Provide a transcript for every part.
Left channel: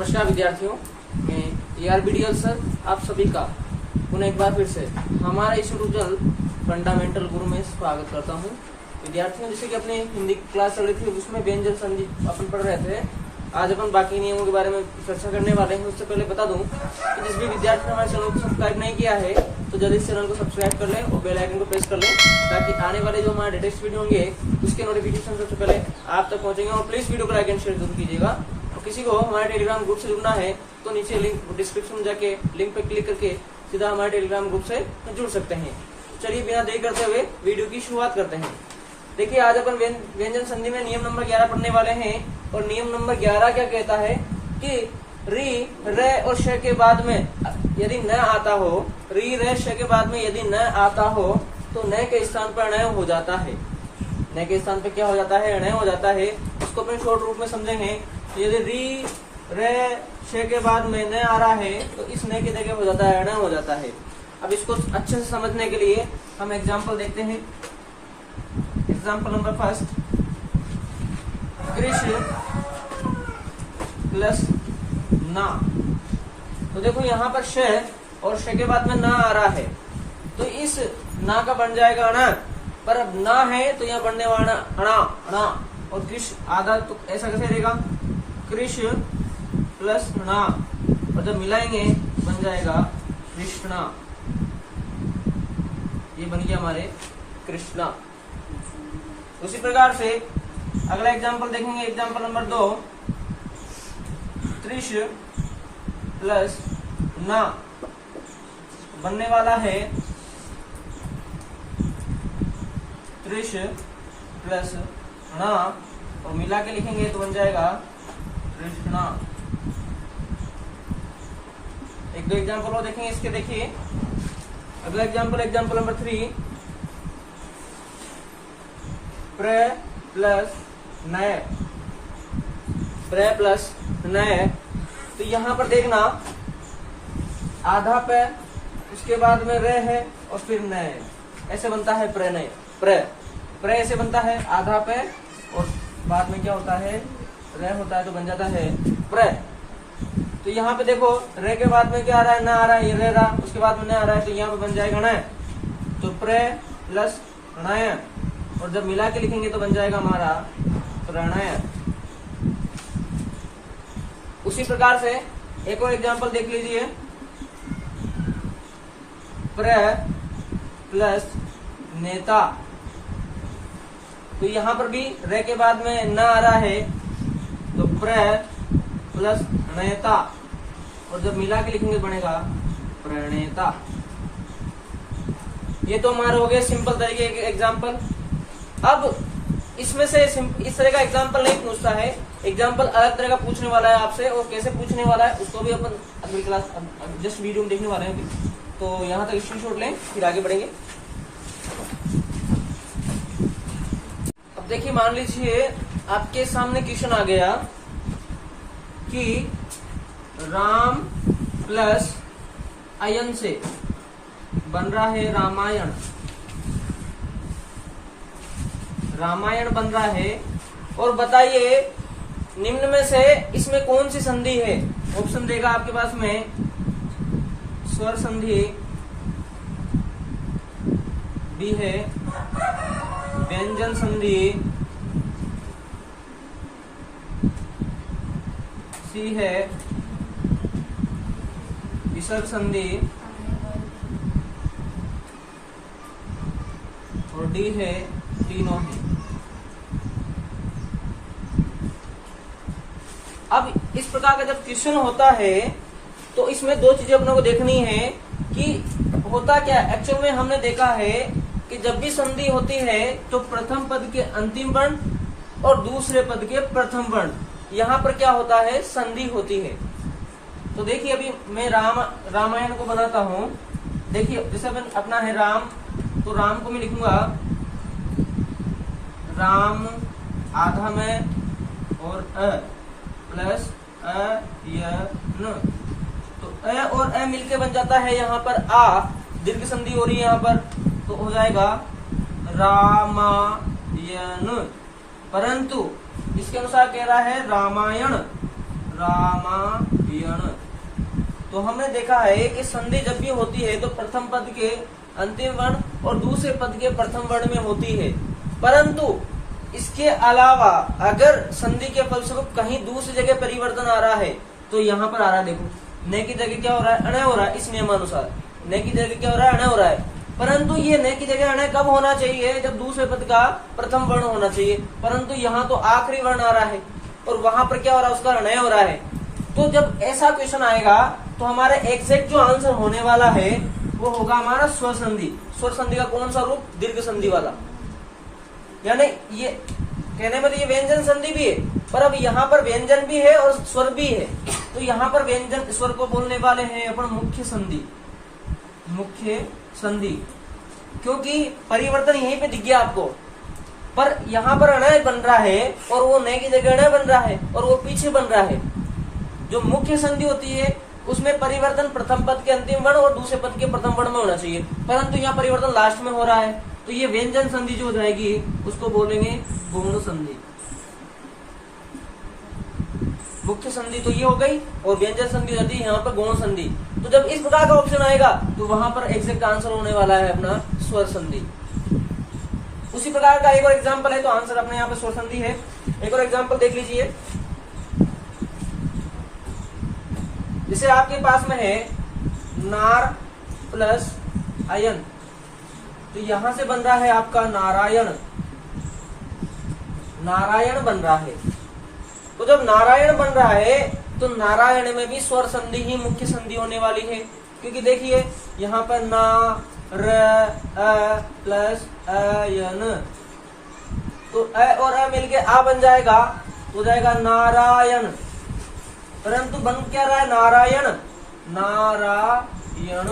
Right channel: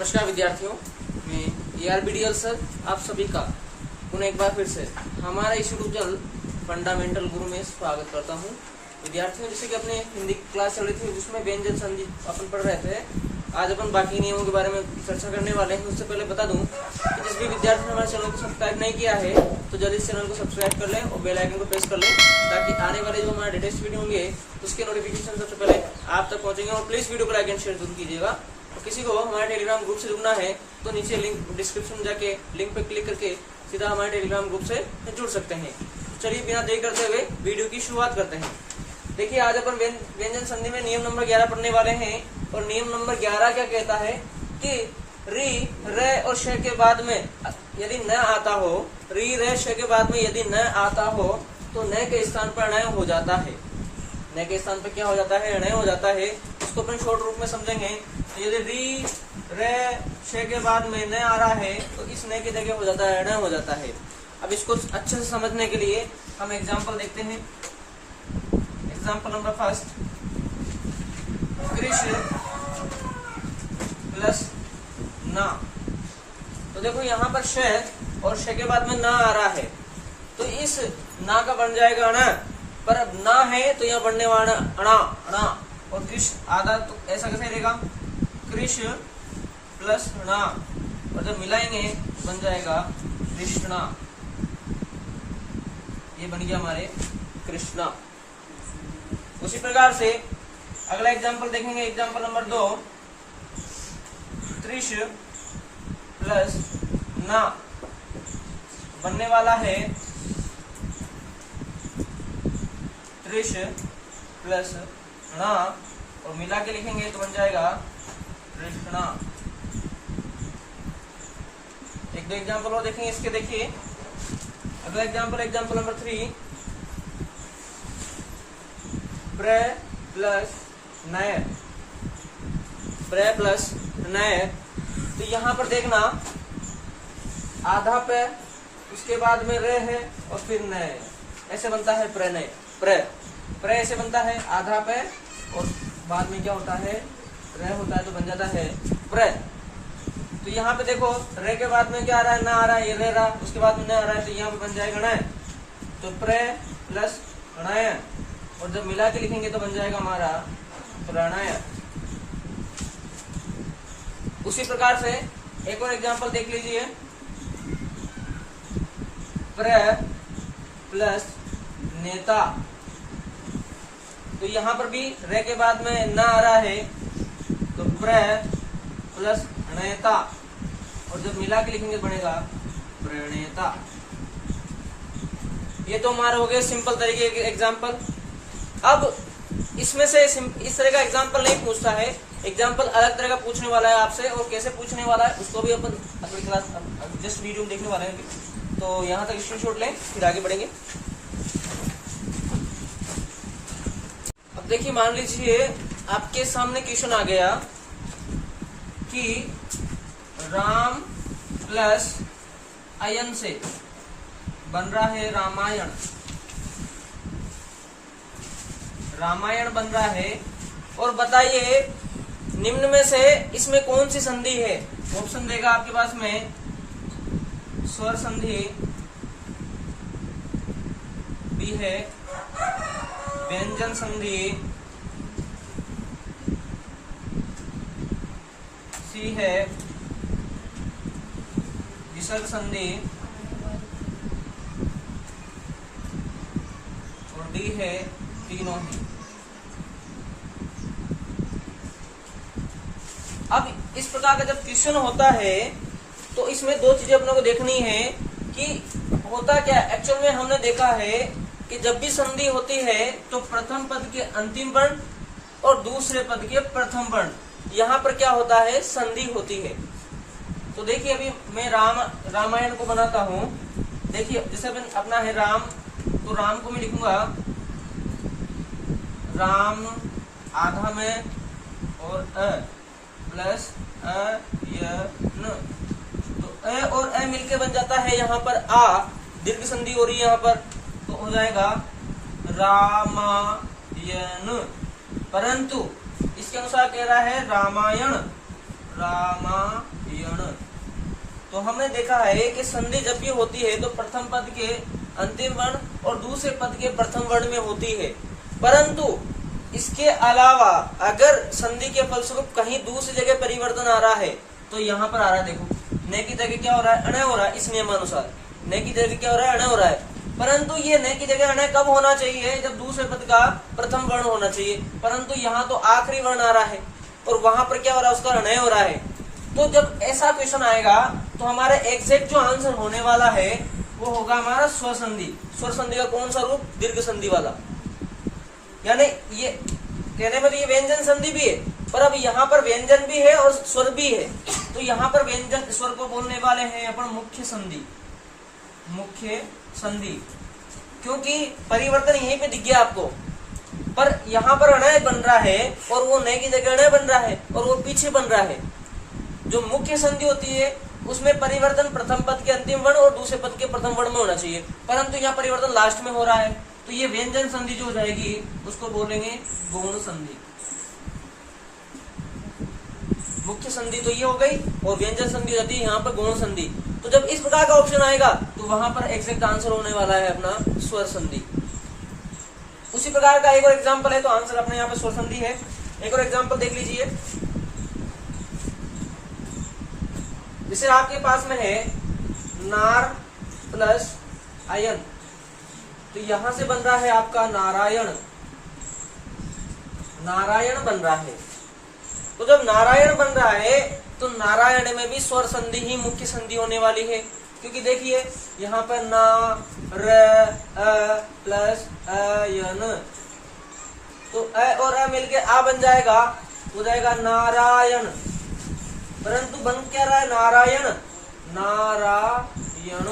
नमस्कार विद्यार्थियों, मैं ERBDL सर आप सभी का पुनः एक बार फिर से हमारा इस ट्यूटोरियल फंडामेंटल गुरु में स्वागत करता हूं। विद्यार्थियों, जैसे कि अपने हिंदी क्लास चल रही थी उसमें व्यंजन संधि अपन पढ़ रहे थे। आज अपन बाकी नियमों के बारे में चर्चा करने वाले हैं। उससे पहले बता दूं कि जिस भी विद्यार्थी ने हमारे चैनल को सब्सक्राइब नहीं किया है तो जल्दी इस चैनल को सब्सक्राइब कर लें और बेल आइकन को प्रेस कर लें ताकि आने वाले जो हमारे लेटेस्ट वीडियो होंगे उसके नोटिफिकेशन सबसे पहले आप तक पहुंचेंगे। और प्लीज वीडियो को लाइक एंड शेयर जरूर कीजिएगा। और किसी को हमारे टेलीग्राम ग्रुप से जुड़ना है तो नीचे लिंक डिस्क्रिप्शन में जाके लिंक पे क्लिक करके सीधा हमारे टेलीग्राम ग्रुप से जुड़ सकते हैं। चलिए बिना देर करते हुए वीडियो की शुरुआत करते हैं। देखिए, आज अपन व्यंजन संधि में नियम नंबर 11 पढ़ने वाले हैं। और नियम नंबर 11 क्या कहता है कि री रे और श के बाद में यदि न आता हो, री रे श के बाद में यदि न आता हो तो न के स्थान पर न हो जाता है। न के स्थान पर क्या हो जाता है? न हो जाता है। उसको अपन शॉर्ट रूप में समझेंगे। तो यदि री रे श के बाद में न आ रहा है तो इस न के जगह हो जाता है न हो जाता है। अब इसको अच्छे से समझने के लिए हम एग्जाम्पल देखते हैं। Example number first, Krishna plus ना। तो देखो यहाँ पर श और श के बाद में ना आ रहा है तो इस ना का बन जाएगा अणा, पर अब ना है तो यहाँ बनने वाला अणा अणा। और कृष्ण आधा तो ऐसा कैसे रहेगा? कृष्ण प्लस ना, और जब मिलाएंगे बन जाएगा कृष्णा। ये बन गया हमारे कृष्णा। उसी प्रकार से अगला एग्जाम्पल देखेंगे। एग्जाम्पल नंबर 2, कृष्ण प्लस ना बनने वाला है कृष्ण प्लस ना, और मिला के लिखेंगे तो बन जाएगा कृष्णा। एक दो एग्जाम्पल और देखेंगे इसके। देखिए अगला एग्जाम्पल, एग्जाम्पल नंबर 3, प्र प्लस नय। प्र प्लस नय, तो यहाँ पर देखना आधा पे उसके बाद में रे है और फिर नय, ऐसे बनता है प्रणय। प्र ऐसे बनता है आधा पे और बाद में क्या होता है? रे होता है तो बन जाता है प्र। तो यहाँ पे देखो रे के बाद में क्या आ रहा है? ना आ रहा है, ये रे रहा, उसके बाद में न आ रहा है तो यहाँ पे बन जाएगा नय। तो प्र प्लस नय, और जब मिला के लिखेंगे तो बन जाएगा हमारा प्रणय। उसी प्रकार से एक और एग्जांपल देख लीजिए। प्र प्लस नेता, तो यहाँ पर भी रे के बाद में न आ रहा है तो प्र प्लस नेता, और जब मिला के लिखेंगे बनेगा प्रणेता। ये तो हमारे हो गए सिंपल तरीके के एग्जाम्पल। अब इसमें से इस तरह का एग्जाम्पल नहीं पूछता है, एग्जाम्पल अलग तरह का पूछने वाला है आपसे। और कैसे पूछने वाला है उसको भी अपन अगली क्लास जस्ट वीडियो में देखने वाले हैं। तो यहाँ तक स्क्रीनशॉट लें, फिर आगे बढ़ेंगे। अब देखिए, मान लीजिए आपके सामने क्वेश्चन आ गया कि राम प्लस अयन से बन रहा है रामायण। रामायण बन रहा है और बताइए निम्न में से इसमें कौन सी संधि है? ऑप्शन देगा आपके पास में स्वर संधि, बी है व्यंजन संधि, सी है विसर्ग संधि, और डी है तीनों ही। अब इस प्रकार का जब क्वेश्चन होता है तो इसमें दो चीजें अपने को देखनी है कि होता क्या। एक्चुअल में हमने देखा है कि जब भी संधि होती है तो प्रथम पद के अंतिम वर्ण और दूसरे पद के प्रथम वर्ण, यहाँ पर क्या होता है? संधि होती है। तो देखिए अभी मैं रामायण को बनाता हूँ। देखिए जैसे अपना है राम, तो राम को मैं लिखूंगा राम आधा में और अ प्लस अयन। तो अ और अ मिलके बन जाता है यहाँ पर आ, दीर्घ संधि हो रही है यहाँ पर, तो हो जाएगा रामायण। परंतु इसके अनुसार कह रहा है रामायण, रामायण। तो हमने देखा है कि संधि जब भी होती है तो प्रथम पद के अंतिम वर्ण और दूसरे पद के प्रथम वर्ण में होती है, परंतु इसके अलावा अगर संधि के फलस्वरूप कहीं दूसरी जगह परिवर्तन आ रहा है तो यहाँ पर आ रहा है, देखो न की जगह क्या हो रहा है, अणय हो रहा है। इस नियमानुसार न की जगह क्या हो रहा है, अणय हो रहा है, परंतु ये न की जगह अणय कब होना चाहिए, जब दूसरे पद का प्रथम वर्ण होना चाहिए, परंतु यहाँ तो आखिरी वर्ण आ रहा है और वहां पर क्या हो रहा है, उसका अणय हो रहा है। तो जब ऐसा क्वेश्चन आएगा तो हमारा एग्जैक्ट जो आंसर होने वाला है वो होगा हमारा स्वर संधि। स्वर संधि का कौन सा रूप, दीर्घ संधि वाला। यानी ये कहने में तो ये व्यंजन संधि भी है, पर अब यहाँ पर व्यंजन भी है और स्वर भी है, तो यहाँ पर व्यंजन स्वर को बोलने वाले हैं अपन मुख्य संधि। मुख्य संधि, क्योंकि परिवर्तन यहीं पे दिख गया आपको, पर यहाँ पर अणय बन रहा है और वो न की जगह अणय बन रहा है और वो पीछे बन रहा है। जो मुख्य संधि होती है उसमें परिवर्तन प्रथम पद के अंतिम वर्ण और दूसरे पद के प्रथम वर्ण में होना चाहिए, परंतु यहाँ परिवर्तन लास्ट में हो रहा है, तो ये व्यंजन संधि जो हो जाएगी उसको बोलेंगे गौण संधि। मुख्य संधि तो ये हो गई और व्यंजन संधि होती है यहाँ पर गौण संधि। तो जब इस प्रकार का ऑप्शन आएगा तो वहां पर एग्जैक्ट आंसर होने वाला है अपना स्वर संधि। उसी प्रकार का एक और एग्जांपल है, तो आंसर अपने यहाँ पे स्वर संधि है। एक और एग्जांपल देख लीजिए, जैसे आपके पास में है नार प्लस अयन, तो यहां से बन रहा है आपका नारायण, नारायण बन रहा है। तो जब नारायण बन रहा है तो नारायण में भी स्वर संधि ही मुख्य संधि होने वाली है, क्योंकि देखिए यहाँ पर ना र अ प्लस अयन, तो अ और अ मिलके आ बन जाएगा, हो जाएगा नारायण, परंतु बन क्या रहा है, नारायण, नारायण।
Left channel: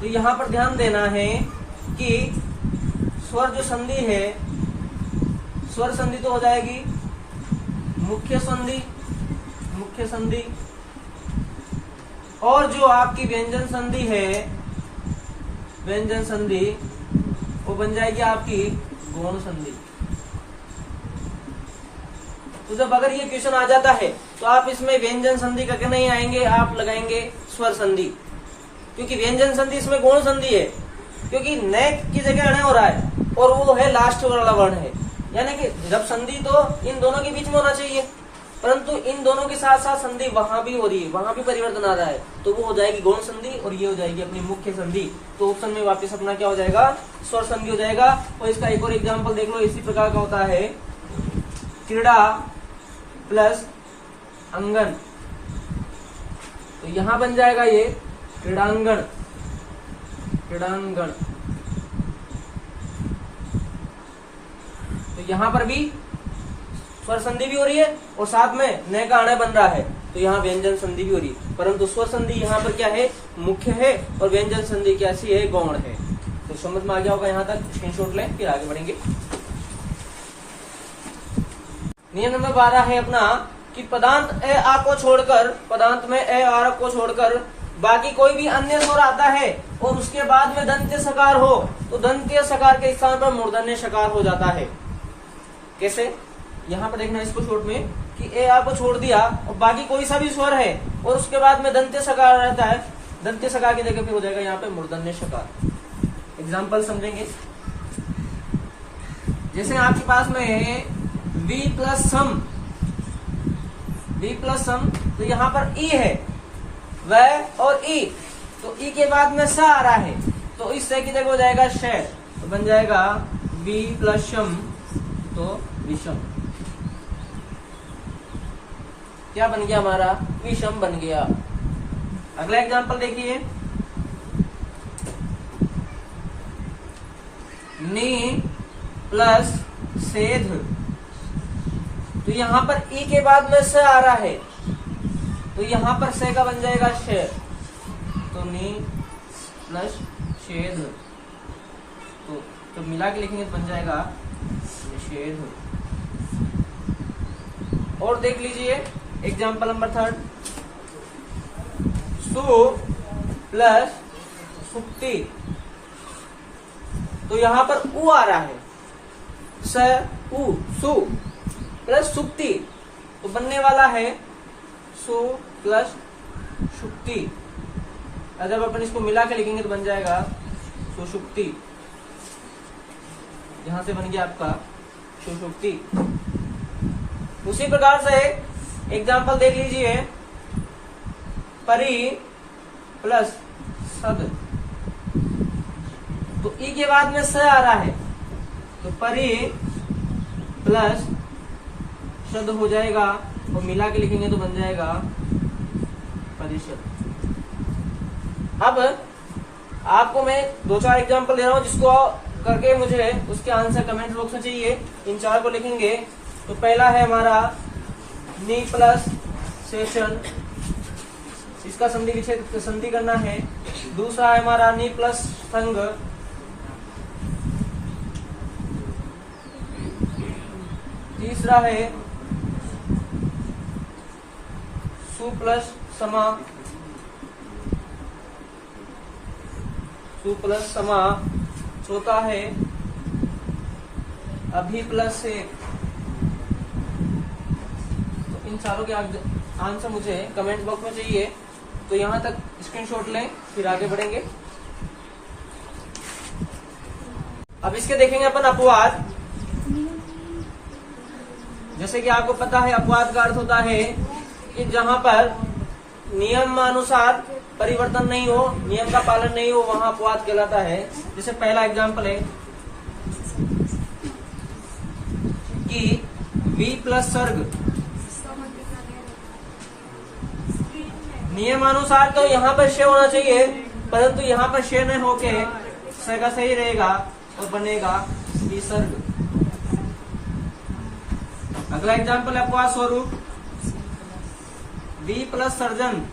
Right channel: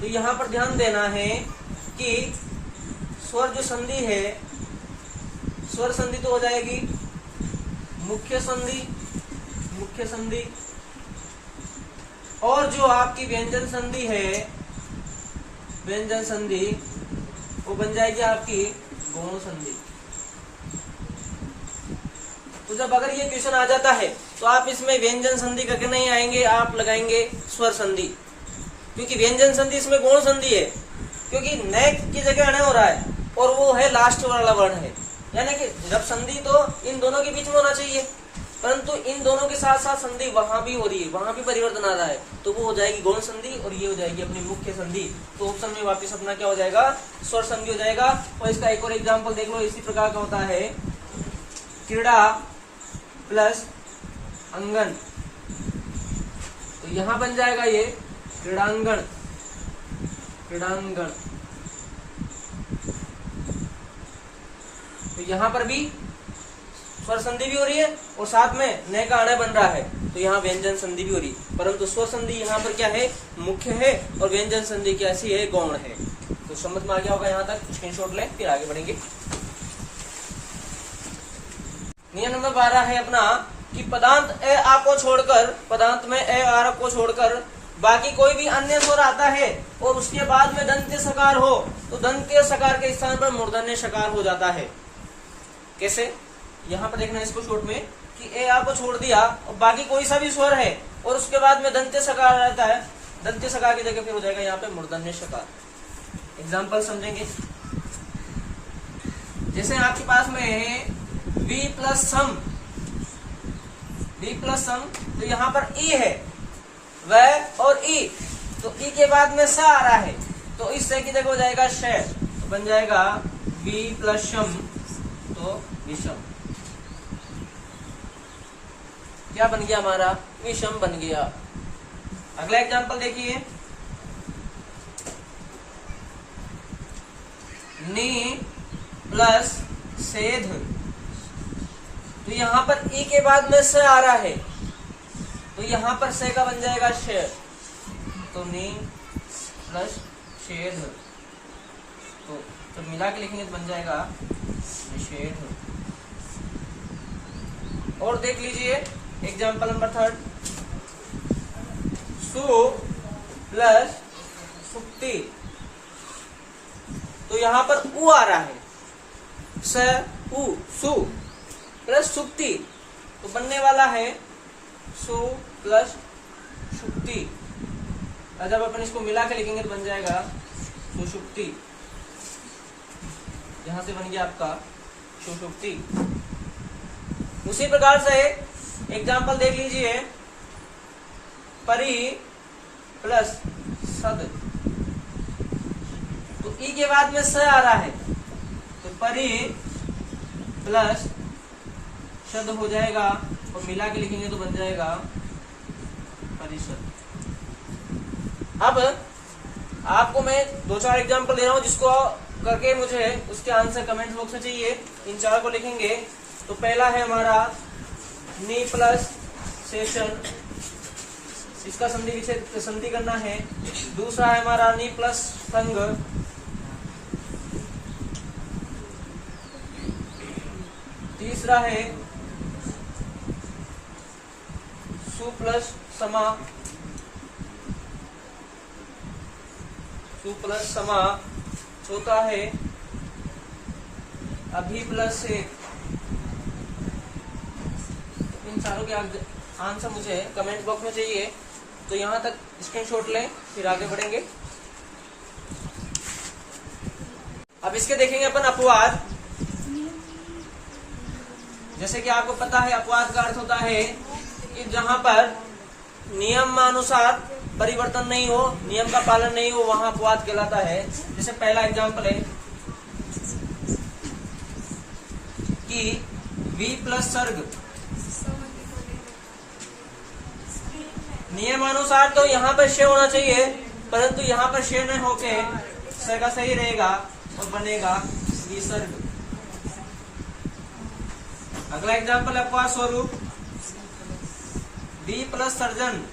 तो यहाँ पर ध्यान देना है कि स्वर जो संधि है, स्वर संधि तो हो जाएगी मुख्य संधि, मुख्य संधि, और जो आपकी व्यंजन संधि है, व्यंजन संधि वो बन जाएगी आपकी गौण संधि। तो जब अगर ये क्वेश्चन आ जाता है तो आप इसमें व्यंजन संधि करके नहीं आएंगे, आप लगाएंगे स्वर संधि, क्योंकि व्यंजन संधि इसमें गौण संधि है, क्योंकि न की जगह अणय हो रहा है और वो है लास्ट वाला वर्ण है। यानी कि जब संधि तो इन दोनों के बीच में होना चाहिए, परंतु इन दोनों के साथ साथ संधि वहां भी हो रही है, वहां भी परिवर्तन आ रहा है, तो वो हो जाएगी गौण संधि और ये हो जाएगी अपनी मुख्य संधि। तो ऑप्शन में वापस अपना क्या हो जाएगा, स्वर संधि हो जाएगा। और इसका एक और एग्जाम्पल देख लो, इसी प्रकार का होता है क्रीड़ा प्लस अंगन, तो यहां बन जाएगा ये क्रीड़ांगण, क्रीड़ांगण। तो यहाँ पर भी स्वर संधि भी हो रही है और साथ में न का अणय बन रहा है, तो यहाँ व्यंजन संधि भी हो रही है, परंतु स्वर संधि यहाँ पर क्या है, मुख्य है, और व्यंजन संधि कैसी है, गौण है। तो समझ में आ गया होगा, यहाँ तक स्क्रीनशॉट लें, फिर आगे बढ़ेंगे। नियम नंबर 12 है अपना कि पदांत ए आ को छोड़कर, पदांत में ए आर को छोड़कर बाकी कोई भी अन्य स्वर आता है और उसके बाद में दंत्य सकार हो, तो दंत्य सकार के स्थान पर मूर्धन्य सकार हो जाता है। कैसे, यहाँ पर देखना इसको शॉर्ट में कि ए आ को छोड़ दिया और बाकी कोई सा भी स्वर है और उसके बाद में दंत्य सकार रहता है, दंत्य सकार की जगह पे हो जाएगा यहाँ पे मूर्धन्य सकार। एग्जाम्पल समझेंगे, जैसे आपके पास में है बी प्लस सम, बी प्लस सम, तो यहाँ पर ई है, वह और ई, तो ई के बाद में स आ रहा है, तो इस से की जगह हो जाएगा श, तो बन जाएगा बी प्लस शम, तो विषम। क्या बन गया हमारा, विषम बन गया। अगला एग्जांपल देखिए, नी प्लस सेध, तो यहाँ पर ई के बाद में स आ रहा है, तो यहाँ पर से का बन जाएगा श, तो नी प्लस शेध, तो मिला के लिखेंगे तो बन जाएगा निषेध। और देख लीजिए एग्जाम्पल नंबर 3, सु प्लस सुक्ति, तो यहाँ पर उ आ रहा है, स उ, सु प्लस सुक्ति, तो बनने वाला है सु प्लस शुक्ति। और जब अपन इसको मिला के लिखेंगे तो बन जाएगा सुषुप्ति। यहां से बन गया आपका सुषुप्ति। उसी प्रकार से एग्जाम्पल देख लीजिए, परि प्लस सद। तो ई के बाद में स आ रहा है, तो परि प्लस शब्द हो जाएगा और मिला के लिखेंगे तो बन जाएगा परिषद। अब आपको मैं 2-4 एग्जाम्पल दे रहा हूं, जिसको करके मुझे उसके आंसर कमेंट बॉक्स में चाहिए। इन 4 को लिखेंगे। तो पहला है हमारा नी प्लस सेशन, इसका संधि विच्छेद संधि करना है। दूसरा है हमारा नी प्लस संग। तीसरा है सु प्लस समा, सु प्लस समा। चौथा है अभी प्लस से। तो इन चारों के आंसर मुझे कमेंट बॉक्स में चाहिए। तो यहां तक स्क्रीनशॉट लें, फिर आगे बढ़ेंगे। अब इसके देखेंगे अपन अपवाद। जैसे कि आपको पता है अपवाद का अर्थ होता है कि जहां पर नियम अनुसार परिवर्तन नहीं हो, नियम का पालन नहीं हो, वहां अपवाद कहलाता है। जैसे पहला एग्जाम्पल है कि बी प्लस सर्ग। नियमानुसार तो यहाँ पर शे होना चाहिए, परंतु यहाँ पर शे न होके स का सही रहेगा और बनेगा विसर्ग। अगला एग्जाम्पल है अपवाद स्वरूप बी प्लस सर्जन।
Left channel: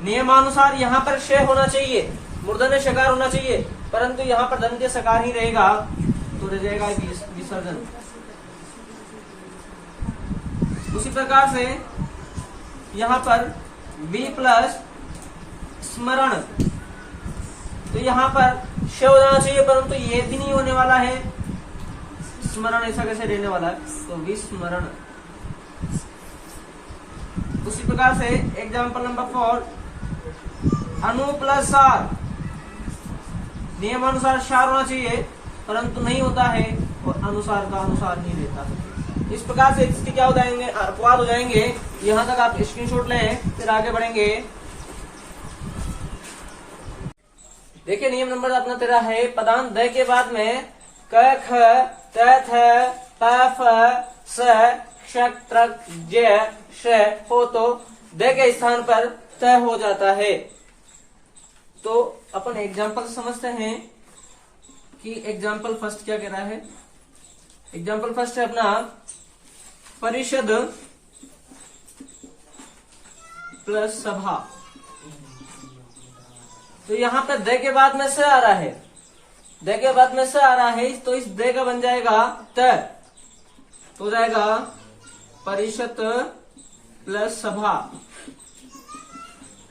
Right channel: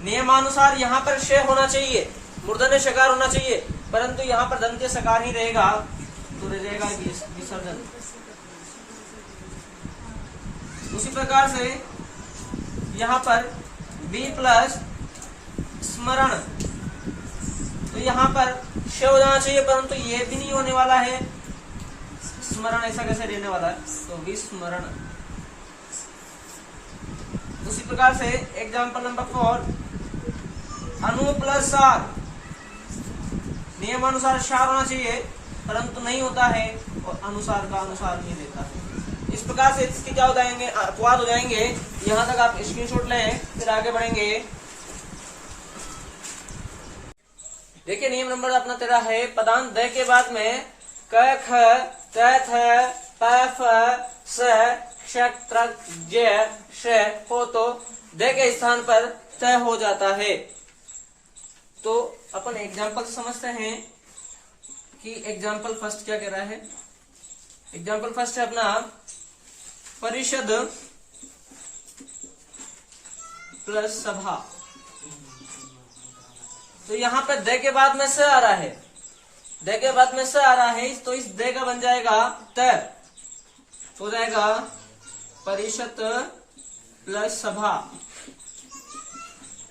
नियमानुसार यहाँ पर शे होना चाहिए, मूर्धन्य शकार होना चाहिए, परंतु यहाँ पर दंत्य सकार ही रहेगा, तो रह जाएगा विसर्जन। उसी प्रकार से यहाँ पर बी प्लस स्मरण, तो यहाँ पर श हो जाना चाहिए, परंतु ये भी नहीं होने वाला है। स्मरण ऐसा कैसे रहने वाला है, तो विस्मरण। उसी प्रकार से एग्जाम्पल नंबर 4 अनु प्लस सार। नियमानुसार सार होना चाहिए, परंतु नहीं होता है और अनुसार का अनुसार ही रहता है। इस प्रकार से इसके क्या हो जाएंगे, अपवाद हो जाएंगे। यहाँ तक आप स्क्रीनशॉट लें, फिर आगे बढ़ेंगे। देखिए नियम नंबर अपना 13 है, पदांत द के बाद में क ख त थ प फ स श त्र ज श हो तो द के स्थान पर त हो जाता है। तो अपन एग्जाम्पल समझते हैं कि एग्जाम्पल फर्स्ट क्या कह रहा है। एग्जाम्पल फर्स्ट है अपना परिषद प्लस सभा। तो यहाँ पे द के बाद में स आ रहा है, द के बाद में स आ रहा है, तो इस द का बन जाएगा त, हो जाएगा परिषद प्लस सभा।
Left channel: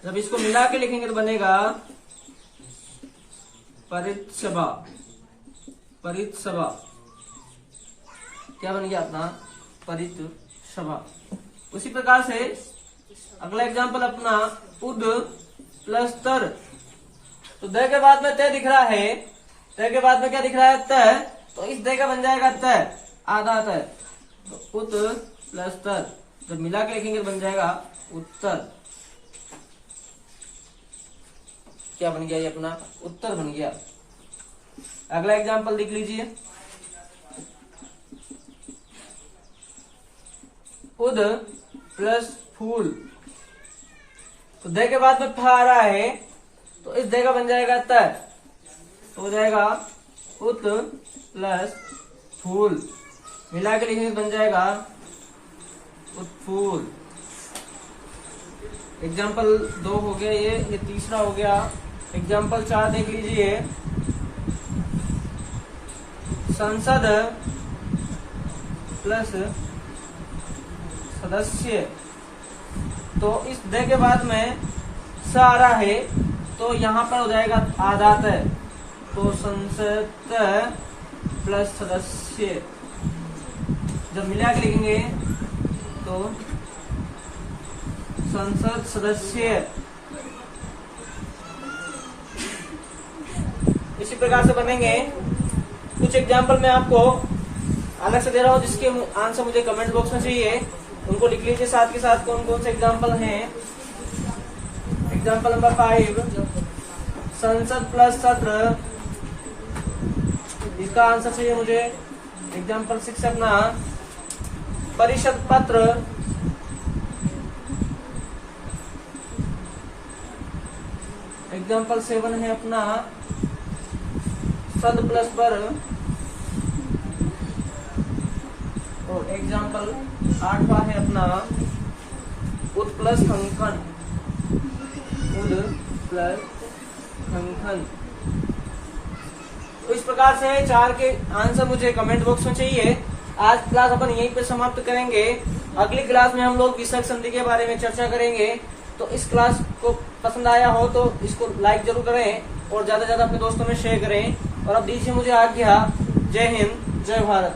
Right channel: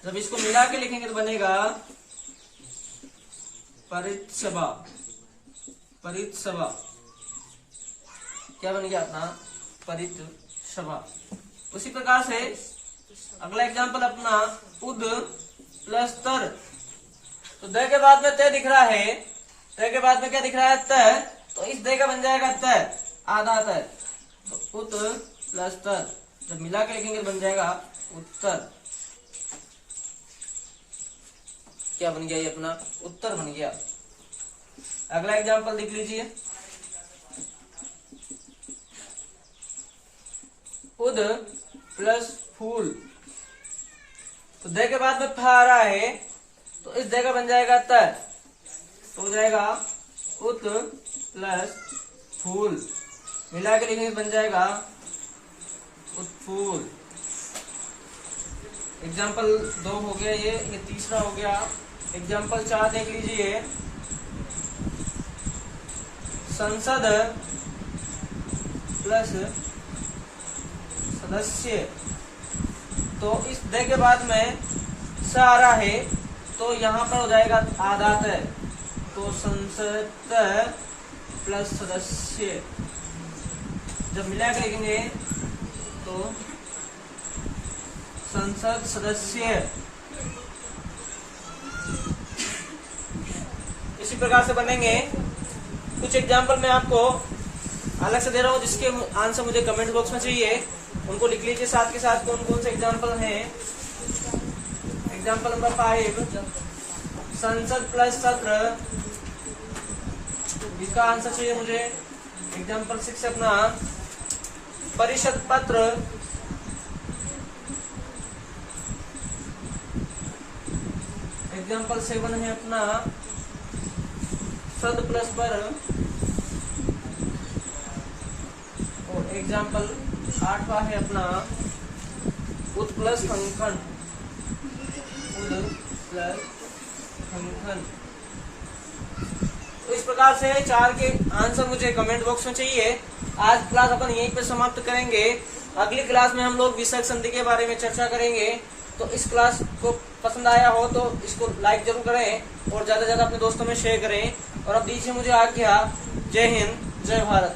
जब इसको मिला के लिखेंगे तो बनेगा परित्सभा। परित्सभा क्या बन गया अपना परित्सभा। उसी प्रकार से अगला एग्जाम्पल अपना उद प्लस तर। तो द के बाद में त दिख रहा है, त के बाद में क्या दिख रहा है, त, तो इस द का बन जाएगा त, आधा त, तो उत प्लस तर। जब मिला के लिखेंगे बन जाएगा उत्तर। क्या बन गया ये अपना उत्तर बन गया। अगला एग्जाम्पल देख लीजिए, उद प्लस फूल। तो द के बाद में फ आ रहा है, तो इस द का बन जाएगा त, तो हो जाएगा उत प्लस फूल। मिला के लिखेंगे बन जाएगा उत्फूल। एग्जाम्पल 2 हो गया, ये तीसरा हो गया। एग्जाम्पल 4 देख लीजिए, संसद प्लस सदस्य। तो इस द के बाद में स आ रहा है, तो यहाँ पर हो जाएगा आधात, तो संसद प्लस सदस्य। जब मिला के लिखेंगे तो संसद सदस्य। इसी प्रकार से बनेंगे। कुछ एग्जाम्पल मैं आपको अलग से दे रहा हूँ, जिसके आंसर मुझे कमेंट बॉक्स में चाहिए, उनको लिख लीजिए साथ के साथ कौन कौन से एग्जाम्पल हैं। एग्जाम्पल नंबर 5, संसद प्लस सत्र, इसका आंसर चाहिए मुझे। एग्जाम्पल 6 अपना परिषद पत्र, एग्जाम्पल 7 है अपना सद प्लस पर, और एग्जाम्पल 8वां है अपना उद प्लस कंकन, उद प्लस कंकन। तो इस प्रकार से 4 के आंसर मुझे कमेंट बॉक्स में चाहिए। आज क्लास अपन यहीं पे समाप्त करेंगे। अगली क्लास में हम लोग विसर्ग संधि के बारे में चर्चा करेंगे। तो इस क्लास को पसंद आया हो तो इसको लाइक जरूर करें और ज्यादा से ज्यादा अपने दोस्तों में शेयर करें। और अब दीजिए मुझे आज्ञा। जय हिंद, जय भारत।